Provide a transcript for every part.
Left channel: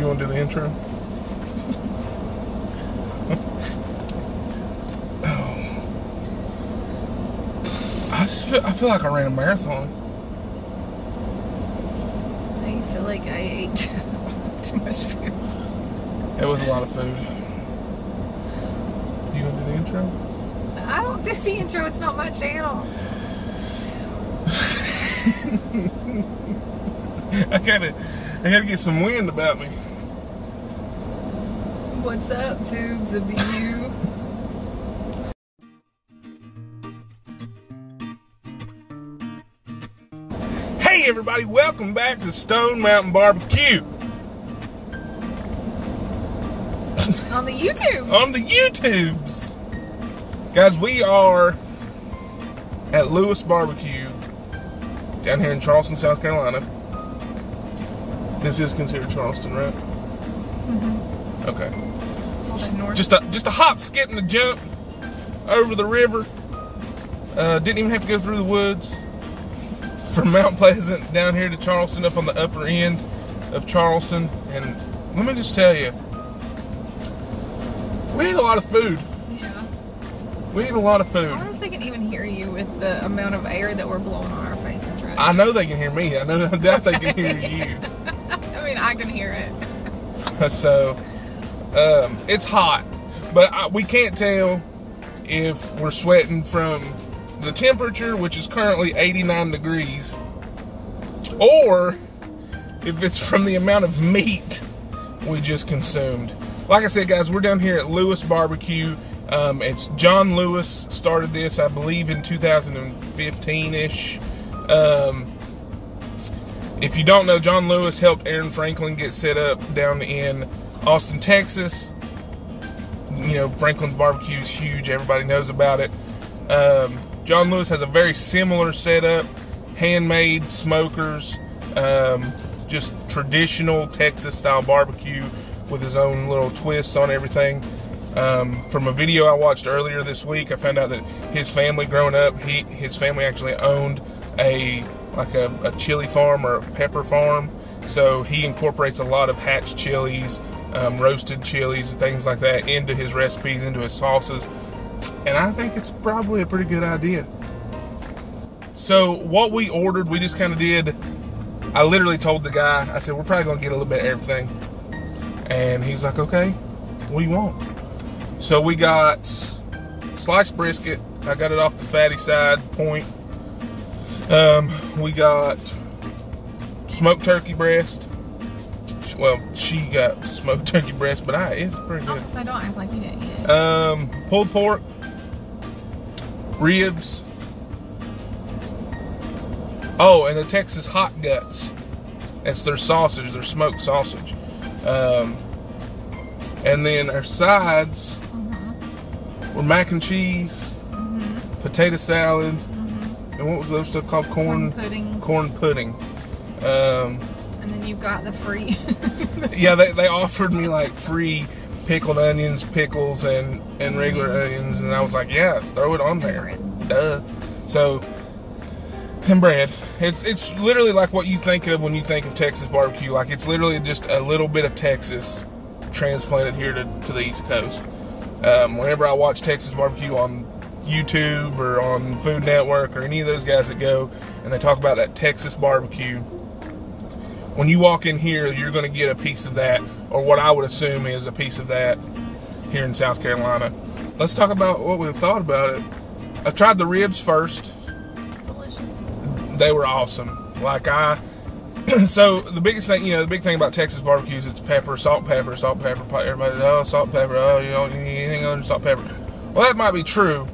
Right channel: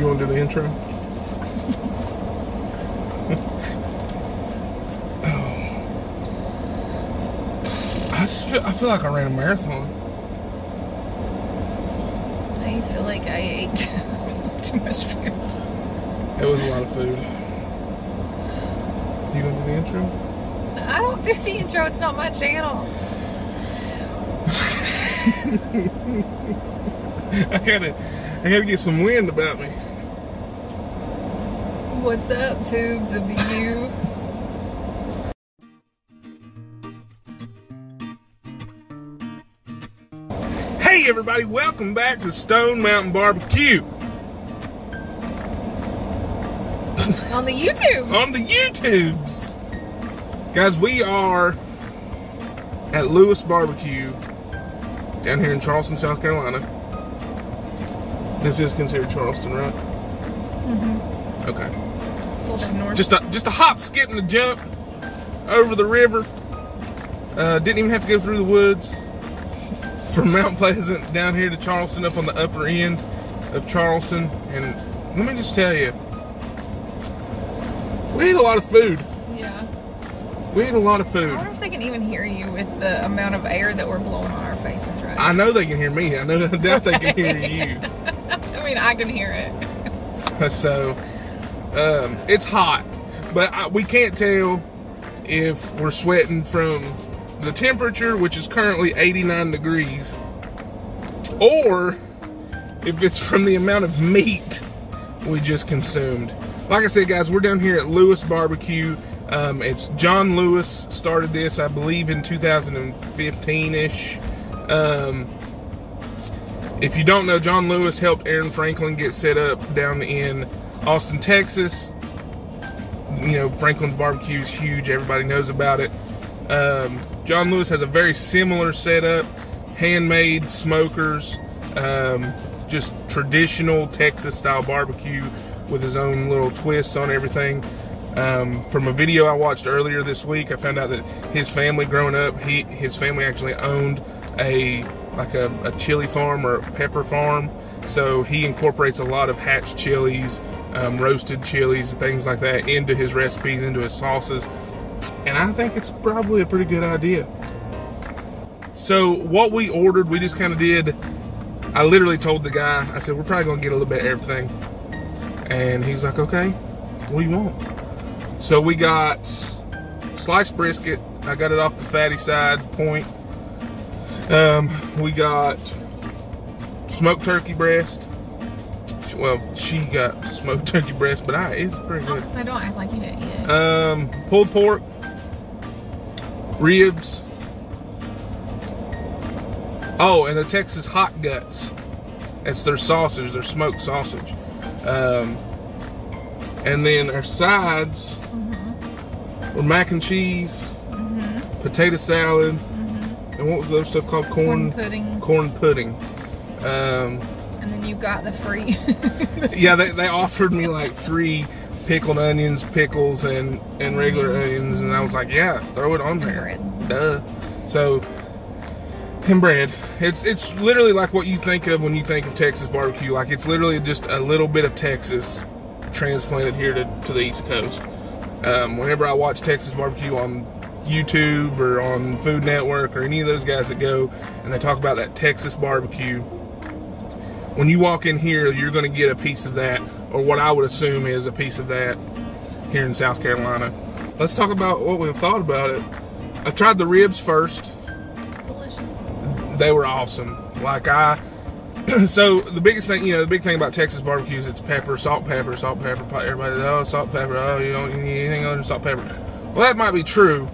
You want to do the intro? Oh. I feel like I ran a marathon. I feel like I ate too much food. It was a lot of food. You want to do the intro? I don't do the intro. It's not my channel. I gotta get some wind about me. What's up, tubes of the U? Hey everybody, welcome back to Stone Mountain BBQ. On the YouTubes. On the YouTubes. Guys, we are at Lewis Barbecue down here in Charleston, South Carolina. This is considered Charleston, right? Mm-hmm. Okay. Just a hop, skip, and a jump over the river. Didn't even have to go through the woods. From Mount Pleasant down here to Charleston, up on the upper end of Charleston. And let me just tell you, we ate a lot of food. Yeah. We ate a lot of food. I wonder if they can even hear you with the amount of air that we're blowing on our faces right now. I know they can hear me. I doubt they can hear you. I mean, I can hear it. So, it's hot, but we can't tell if we're sweating from the temperature, which is currently 89 degrees, or if it's from the amount of meat we just consumed. Like I said, guys, we're down here at Lewis Barbecue. It's John Lewis started this, I believe, in 2015-ish. If you don't know, John Lewis helped Aaron Franklin get set up down in Austin, Texas. You know, Franklin's barbecue is huge. Everybody knows about it. John Lewis has a very similar setup. Handmade smokers. Just traditional Texas-style barbecue with his own little twists on everything. From a video I watched earlier this week, I found out that his family growing up, his family actually owned a chili farm or a pepper farm. So he incorporates a lot of hatch chilies, roasted chilies, and things like that into his recipes, into his sauces. And I think it's probably a pretty good idea. So what we ordered, we just kind of did, I literally told the guy, I said, we're probably going to get a little bit of everything. And he's like, okay, what do you want? So we got sliced brisket. I got it off the fatty side, point. We got smoked turkey breast. Well, she got smoked turkey breast, but it's pretty good. I don't act like you didn't yet. Pulled pork, ribs. Oh, and the Texas hot guts. That's their sausage, their smoked sausage. And then our sides were mac and cheese, potato salad, and what was the other stuff called? Corn pudding. Corn pudding. And then you got the free. Yeah, they offered me like free pickled onions, pickles, and regular onions, and I was like, yeah, throw it on there. Duh. So, and bread. It's literally like what you think of when you think of Texas barbecue. Like, it's literally just a little bit of Texas transplanted here to the East Coast. Whenever I watch Texas barbecue on YouTube or on Food Network or any of those guys that go and they talk about that Texas barbecue, when you walk in here, you're going to get a piece of that, or what I would assume is a piece of that here in South Carolina. Let's talk about what we thought about it. I tried the ribs first. Delicious. They were awesome. So the biggest thing, the big thing about Texas barbecue is it's pepper, salt, pepper, salt, pepper. Everybody, oh, salt, pepper, oh, you don't need anything other than salt, pepper. Well, that might be true.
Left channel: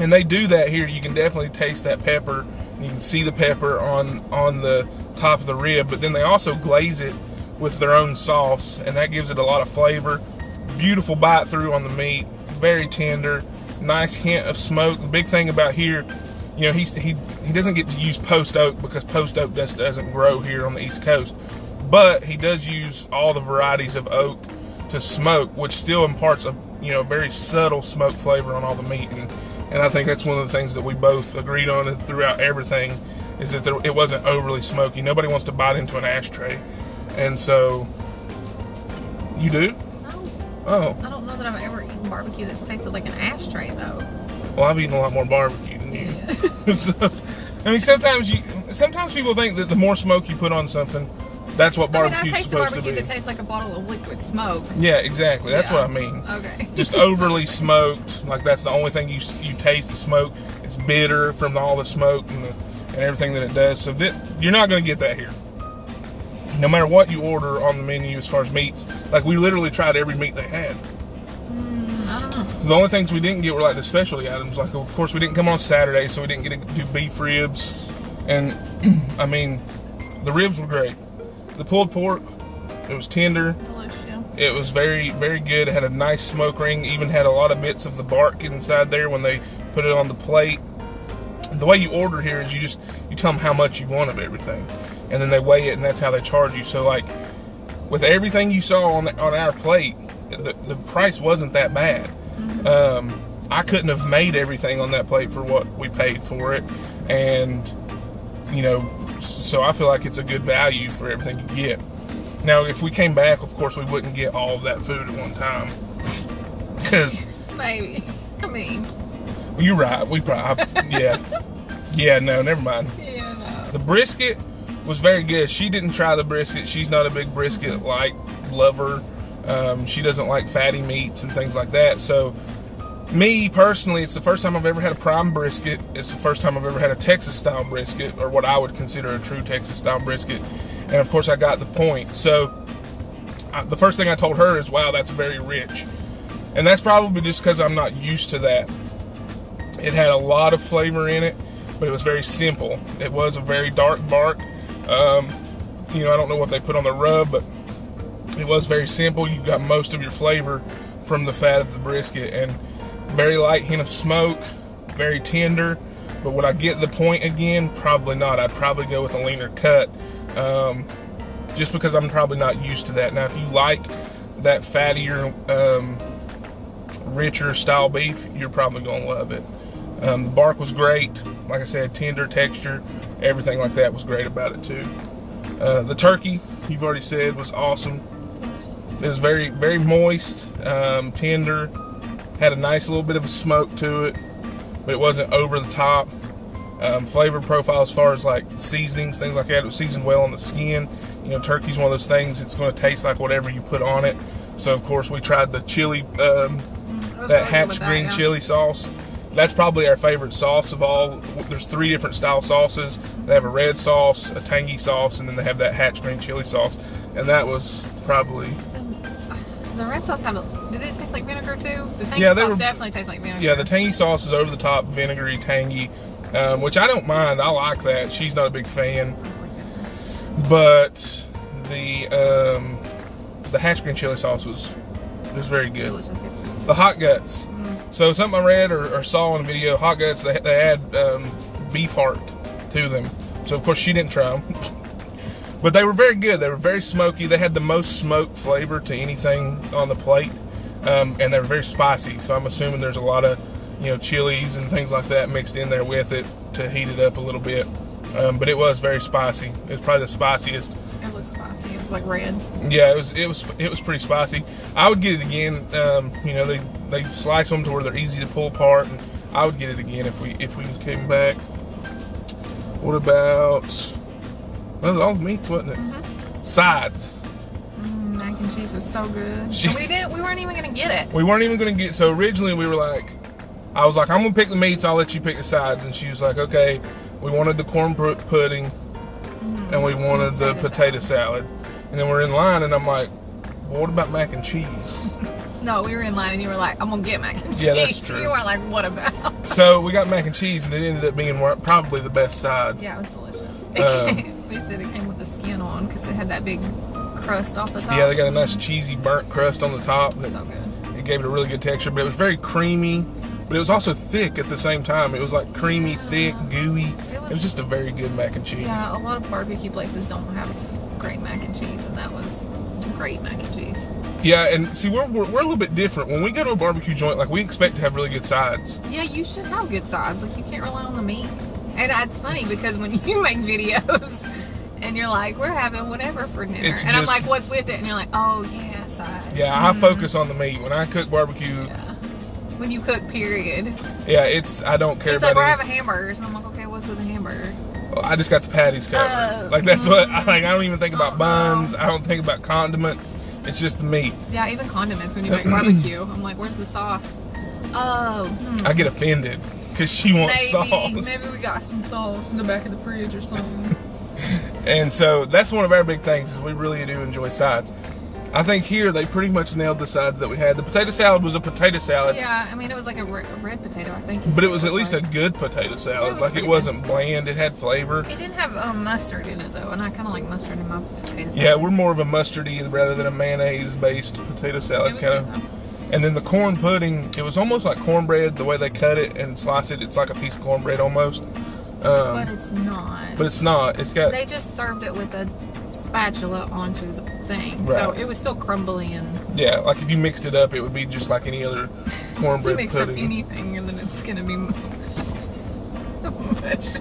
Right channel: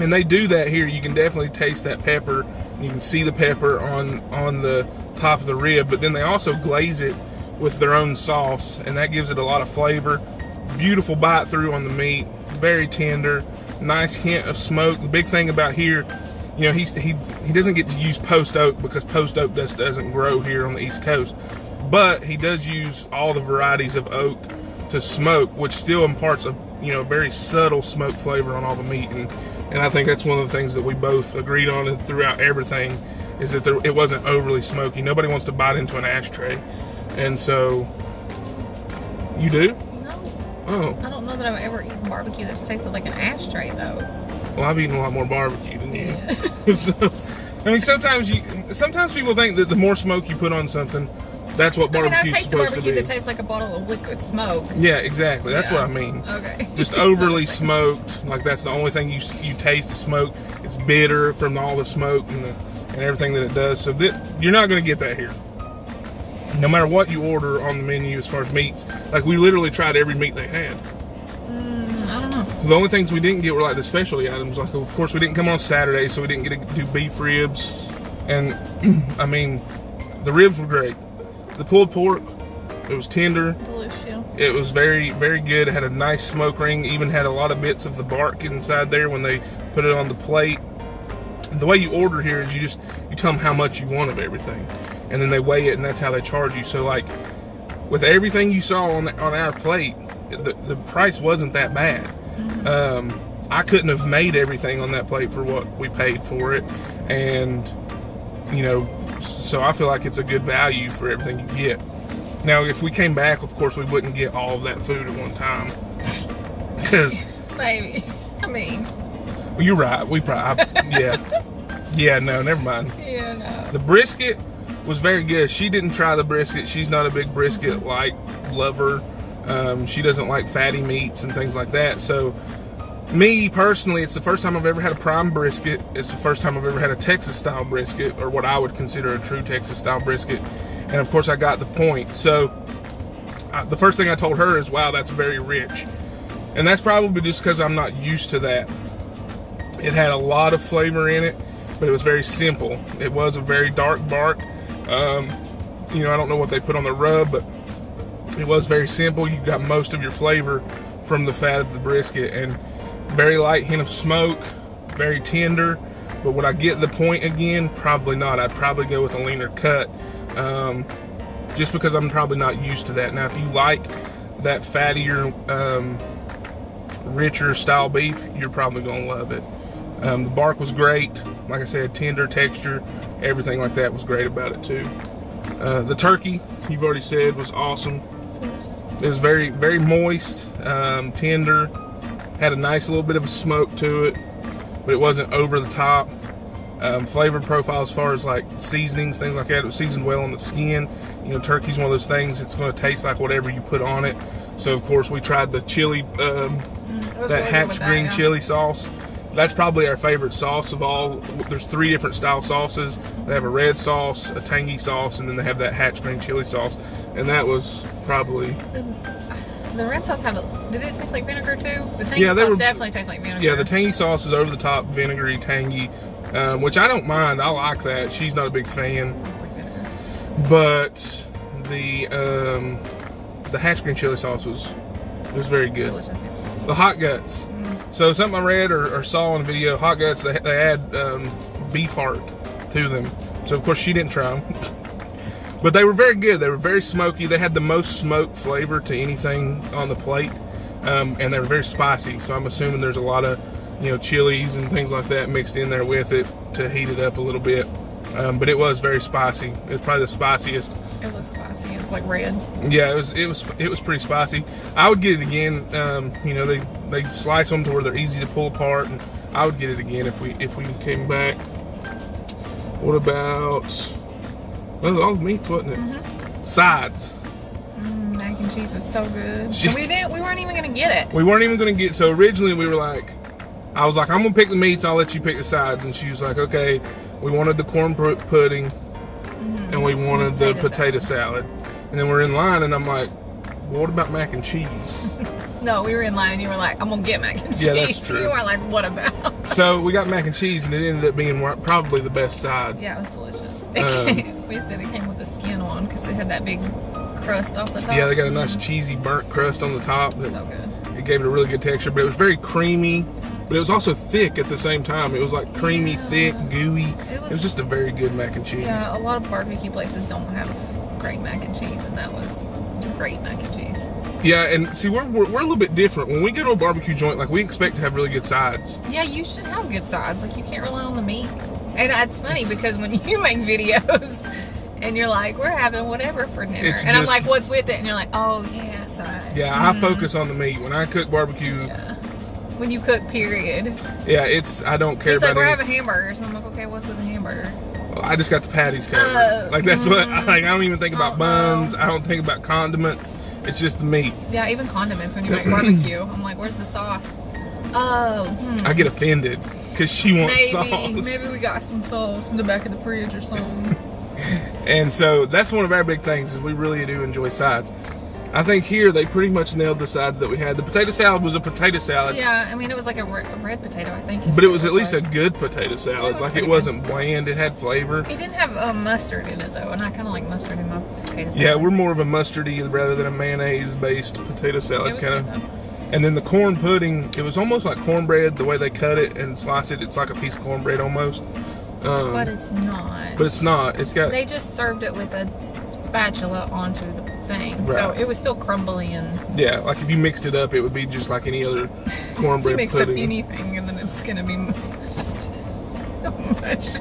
And they do that here. You can definitely taste that pepper. You can see the pepper on the top of the rib, but then they also glaze it with their own sauce, and that gives it a lot of flavor. Beautiful bite through on the meat, very tender, nice hint of smoke. The big thing about here, he doesn't get to use post oak because post oak just doesn't grow here on the East Coast, but he does use all the varieties of oak to smoke, which still imparts a very subtle smoke flavor on all the meat. And I think that's one of the things that we both agreed on throughout everything, is that it wasn't overly smoky. Nobody wants to bite into an ashtray. And so You do? No. Oh. I don't know that I've ever eaten barbecue that's tasted like an ashtray though. Well, I've eaten a lot more barbecue than you. Yeah. So, I mean, sometimes people think that the more smoke you put on something, that's what barbecue's supposed to be. That tastes like a bottle of liquid smoke. Yeah, exactly. That's what I mean. Okay. Just overly smoked. Like that's the only thing you taste is smoke. It's bitter from all the smoke and everything that it does. So you're not going to get that here. No matter what you order on the menu as far as meats, like we literally tried every meat they had. I don't know. The only things we didn't get were like the specialty items. Like of course we didn't come on Saturday, so we didn't get to do beef ribs. And I mean, the ribs were great. The pulled pork, it was tender. Delicious. It was very, very good. It had a nice smoke ring. Even had a lot of bits of the bark inside there when they put it on the plate. And the way you order here is you tell them how much you want of everything, and then they weigh it, and that's how they charge you. So like with everything you saw on our plate, the price wasn't that bad. I couldn't have made everything on that plate for what we paid for it, and you know, so I feel like it's a good value for everything you get. Now, if we came back, of course, we wouldn't get all of that food at one time. Because... Maybe. I mean... Well, you're right. We probably... Yeah. Yeah, no, never mind. Yeah, no. The brisket was very good. She didn't try the brisket. She's not a big brisket-like lover. She doesn't like fatty meats and things like that. So, me, personally, it's the first time I've ever had a prime brisket. It's the first time I've ever had a Texas-style brisket, or what I would consider a true Texas-style brisket. And of course I got the point. So the first thing I told her is, wow, that's very rich. And that's probably just because I'm not used to that. It had a lot of flavor in it, but it was very simple. It was a very dark bark. You know, I don't know what they put on the rub, but it was very simple. You got most of your flavor from the fat of the brisket, and very light hint of smoke, very tender. But would I get the point again? Probably not. I'd probably go with a leaner cut. Just because I'm probably not used to that. Now, if you like that fattier, richer style beef, you're probably going to love it. The bark was great. Like I said, tender texture, everything like that was great about it too. The turkey, you've already said, was awesome. It was very, very moist, tender, had a nice little bit of a smoke to it, but it wasn't over the top. Flavor profile as far as like seasonings, things like that, it was seasoned well on the skin. You know, turkey's one of those things, it's going to taste like whatever you put on it. So of course we tried the chili, that hatch green chili sauce. That's probably our favorite sauce of all. There's 3 different style sauces. They have a red sauce, a tangy sauce, and then they have that hatch green chili sauce. And that was probably... The red sauce did it taste like vinegar too? The tangy sauce definitely tastes like vinegar. Yeah, the tangy sauce is over the top, vinegary, tangy. Which I don't mind. I like that. She's not a big fan, but the hatch green chili sauce was very good. Delicious. The hot guts. So something I read or saw in a video, hot guts, they add beef heart to them. So of course she didn't try them, but they were very good. They were very smoky. They had the most smoked flavor to anything on the plate, and they were very spicy. So I'm assuming there's a lot of, you know, chilies and things like that mixed in there with it to heat it up a little bit. But it was very spicy. It was probably the spiciest. It was spicy. It was like red. Yeah, it was pretty spicy. I would get it again. You know, they slice them to where they're easy to pull apart, and I would get it again if we came back. What about? That was all the meats, wasn't it? Sides. Mac and cheese was so good. We weren't even gonna get it. We weren't even gonna get. So originally we were like, I was like, I'm gonna pick the meats, I'll let you pick the sides. And she was like, okay. We wanted the corn pudding, and we wanted the potato salad. And then we're in line, and I'm like, well, what about mac and cheese? No, we were in line, and you were like, I'm gonna get mac and cheese. Yeah, that's true. You weren't like, what about? So we got mac and cheese, and it ended up being probably the best side. Yeah, it was delicious. We said it came with the skin on because it had that big crust off the top. Yeah, they got a nice cheesy burnt crust on the top. So good. It gave it a really good texture, but it was very creamy. But it was also thick at the same time. It was like creamy, thick, gooey. It was just a very good mac and cheese. Yeah, a lot of barbecue places don't have great mac and cheese, and that was great mac and cheese. Yeah, and see, we're a little bit different. When we go to a barbecue joint, like, we expect to have really good sides. Yeah, you should have good sides. Like, you can't rely on the meat. And it's funny because when you make videos and you're like, we're having whatever for dinner. And I'm like, what's with it? And you're like, oh, yeah, side. Yeah, I focus on the meat. When I cook barbecue... Yeah. When you cook, period. Yeah, I don't care He's about like, we're having hamburgers. And I'm like, okay, what's with the hamburger? I just got the patties covered. Like, that's what... I don't even think about buns. I don't think about condiments. It's just the meat. Yeah, even condiments when you make barbecue. I'm like, where's the sauce? Oh. I get offended because she wants sauce. Maybe we got some sauce in the back of the fridge or something. And so that's one of our big things is we really do enjoy sides. I think here they pretty much nailed the sides that we had. The potato salad was a potato salad. Yeah, I mean it was like a red potato, I think. But it was at least a good potato salad. Like it wasn't bland. It had flavor. It didn't have mustard in it though, and I kind of like mustard in my potato salad. Yeah, we're more of a mustardy rather than a mayonnaise-based potato salad kind of. And then the corn pudding, it was almost like cornbread the way they cut it and slice it. It's like a piece of cornbread almost. But it's not. But it's not. It's got. They just served it with a spatula onto the thing, right. So it was still crumbly and. Yeah, like if you mixed it up, it would be just like any other cornbread pudding. If you mix pudding. up anything, and then it's gonna be mushy.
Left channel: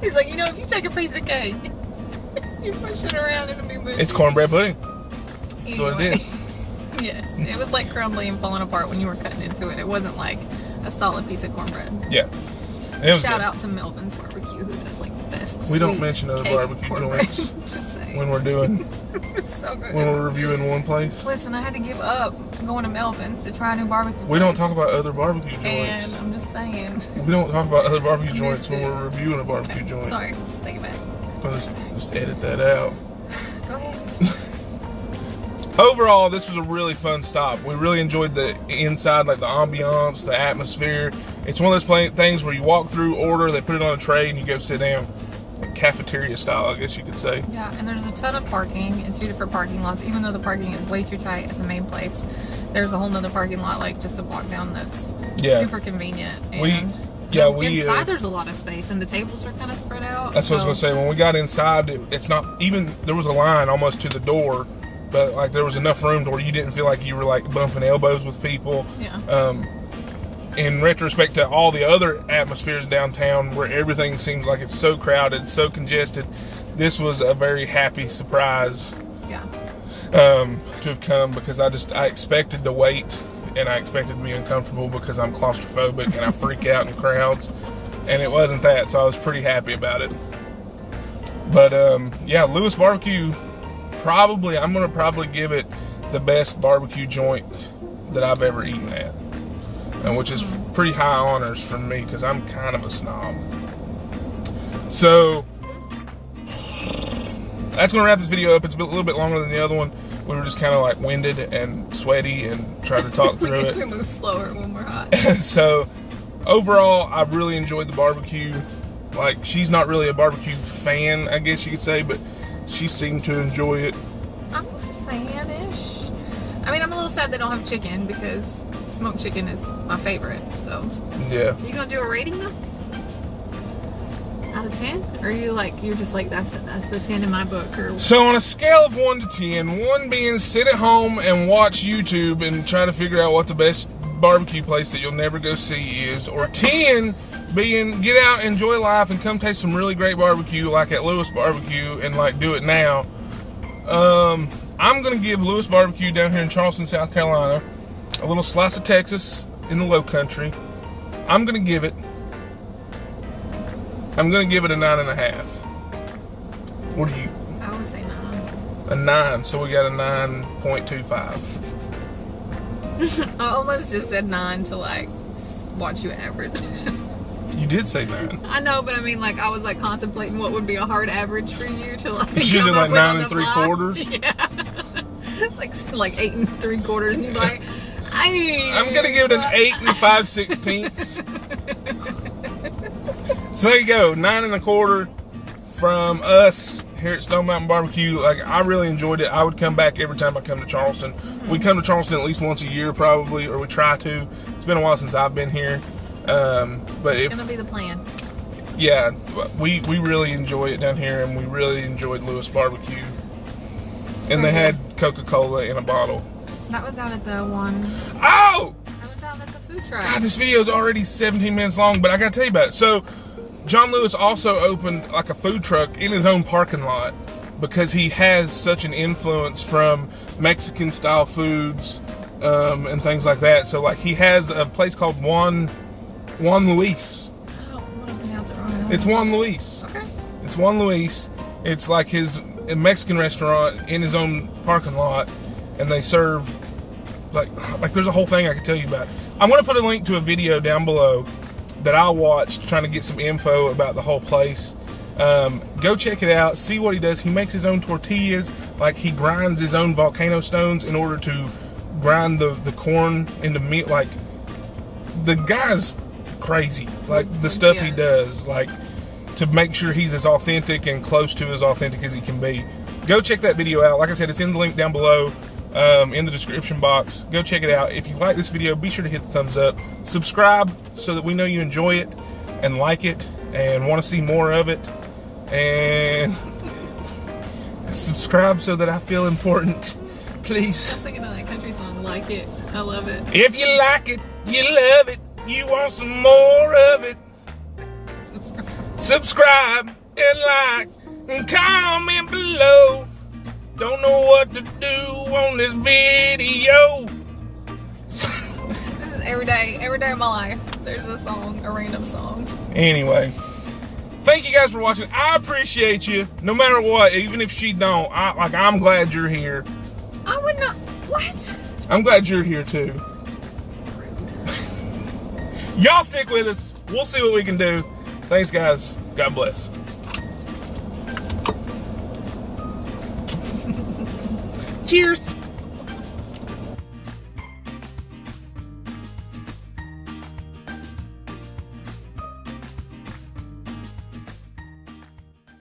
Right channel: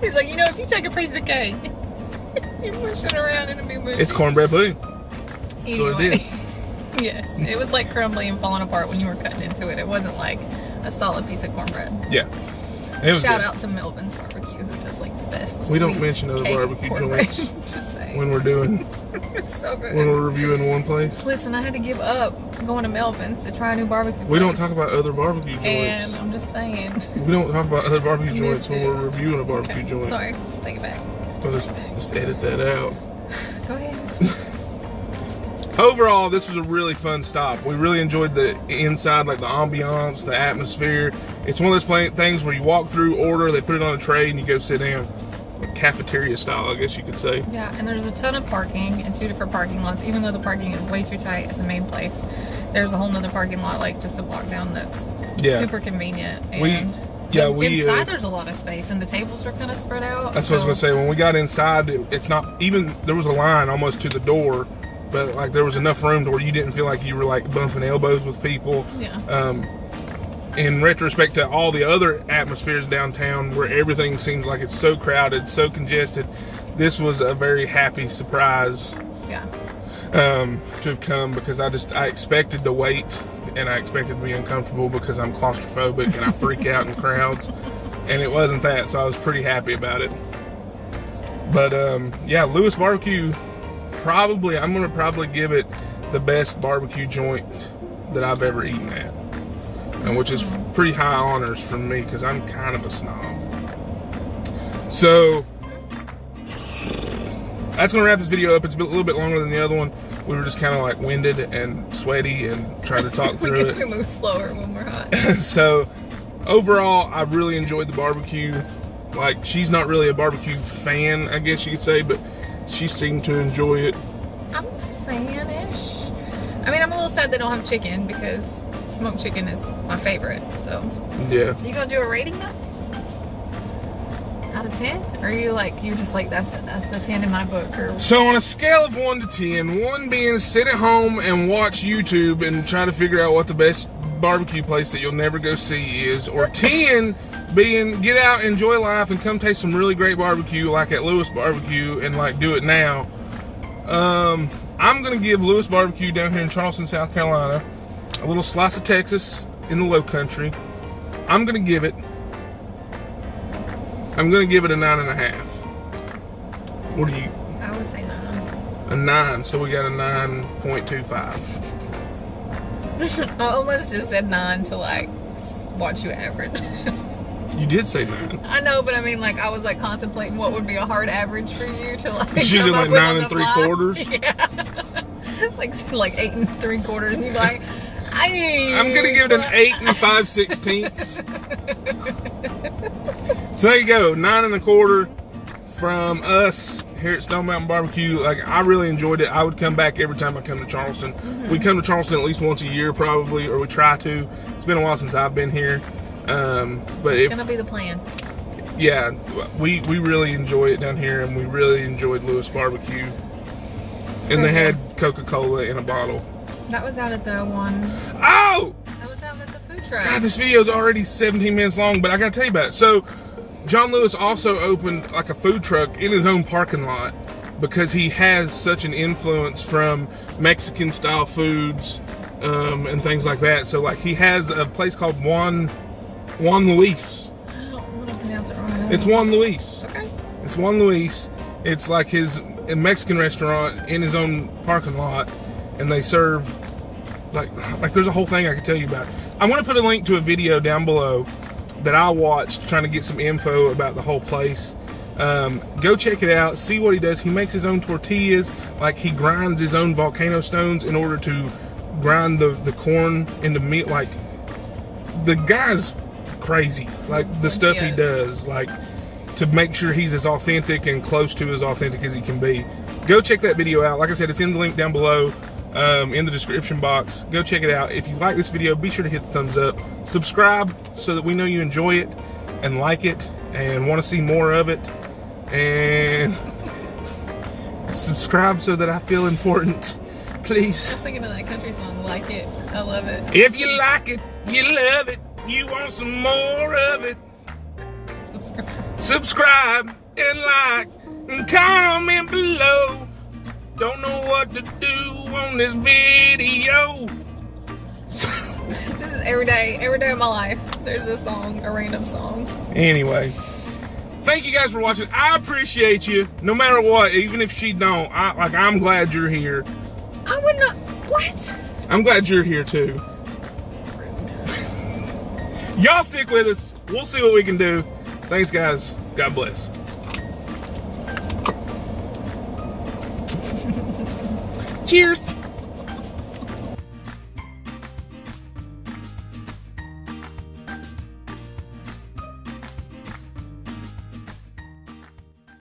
He's like, you know, if you take a piece of cake, you push it around and it'll be mushy. It's cornbread pudding. That's what it is. Yes, it was like crumbly and falling apart when you were cutting into it. It wasn't like a solid piece of cornbread. Yeah. It was Shout good. out to Melvin's Barbecue, who does like the best. We don't mention other barbecue joints Just saying. when we're doing, It's so good. when we're reviewing one place. Listen, I had to give up going to Melvin's to try a new barbecue. We don't talk about other barbecue joints. And I'm just saying. We don't talk about other barbecue joints when we're reviewing a barbecue joint. Sorry, take it back. Well, let's just edit that out. Go ahead. Overall, this was a really fun stop. We really enjoyed the inside, like the ambiance, the atmosphere. It's one of those things where you walk through, order, they put it on a tray, and you go sit down. Cafeteria style, I guess you could say. Yeah, and there's a ton of parking in 2 different parking lots, even though the parking is way too tight at the main place. There's a whole nother parking lot, like just a block down that's super convenient. And inside there's a lot of space, and the tables are kind of spread out. That's what I was going to say. When we got inside, it's not even, there was a line almost to the door, but like there was enough room to where you didn't feel like you were like bumping elbows with people. Yeah. In retrospect to all the other atmospheres downtown where everything seems like it's so crowded, so congested, this was a very happy surprise. Yeah. To have come, because I expected to wait, and I expected to be uncomfortable because I'm claustrophobic and I freak out in crowds, and it wasn't that, so I was pretty happy about it. But yeah, Lewis Barbecue, I'm gonna probably give it the best barbecue joint that I've ever eaten at, and which is pretty high honors for me because I'm kind of a snob. So that's gonna wrap this video up. It's a little bit longer than the other one. We were just kind of like winded and sweaty and tried to talk through it. We move slower when we're hot. So overall, I really enjoyed the barbecue. Like, she's not really a barbecue fan, I guess you could say, but she seemed to enjoy it. I'm a fan-ish. I mean, I'm a little sad they don't have chicken because smoked chicken is my favorite. So yeah. You gonna do a rating though? Out of 10? Or are you like, you're just like, that's the 10 in my book? Or... So on a scale of 1 to 10, 1 being sit at home and watch YouTube and try to figure out what the best barbecue place that you'll never go see is, or 10 being get out, enjoy life, and come taste some really great barbecue like at Lewis Barbecue and like do it now. I'm gonna give Lewis Barbecue down here in Charleston, South Carolina, a little slice of Texas in the low country. I'm gonna give it a 9.5. What do you? I would say 9. A 9. So we got a 9.25. I almost just said 9 to like watch you average. You did say 9. I know, but I mean, like, I was like contemplating what would be a hard average for you to like. She's in like 9 3/4. Yeah. like 8 3/4. And you're like, I'm gonna give it an 8 5/16. So there you go, 9 1/4 from us here at Stone Mountain Barbecue. Like, I really enjoyed it. I would come back every time I come to Charleston. We come to Charleston at least once a year, probably, or we try to. It's been a while since I've been here. But it's gonna be the plan. Yeah, we really enjoy it down here, and we really enjoyed Lewis Barbecue. And they had Coca-Cola in a bottle. That was out at the one. Oh! That was out at the food truck. God, this video is already 17 minutes long, but I gotta tell you about it. So, John Lewis also opened like a food truck in his own parking lot. because he has such an influence from Mexican style foods and things like that. So like he has a place called Juan Luis. It's Juan Luis. Okay. It's Juan Luis. It's like his Mexican restaurant in his own parking lot, and they serve like there's a whole thing I could tell you about. I'm gonna put a link to a video down below that I watched trying to get some info about the whole place. Go check it out, see what he does. He makes his own tortillas, like he grinds his own volcano stones in order to grind the corn into meat. Like, the guy's crazy, like the stuff he does, like to make sure he's as authentic and close to as authentic as he can be. Go check that video out. Like I said, it's in the link down below, in the description box. Go check it out. If you like this video, be sure to hit the thumbs up, subscribe so that we know you enjoy it and like it and want to see more of it, and subscribe so that I feel important, please. I was thinking of that country song, Like It. I love it. If you like it, you love it, you want some more of it, subscribe and like and comment below. Don't know what to do on this video. This is every day of my life. There's a song, a random song. Anyway, thank you guys for watching. I appreciate you, no matter what. Even if she don't, I'm glad you're here. I would not. What? I'm glad you're here too. Y'all stick with us. We'll see what we can do. Thanks, guys. God bless. Cheers.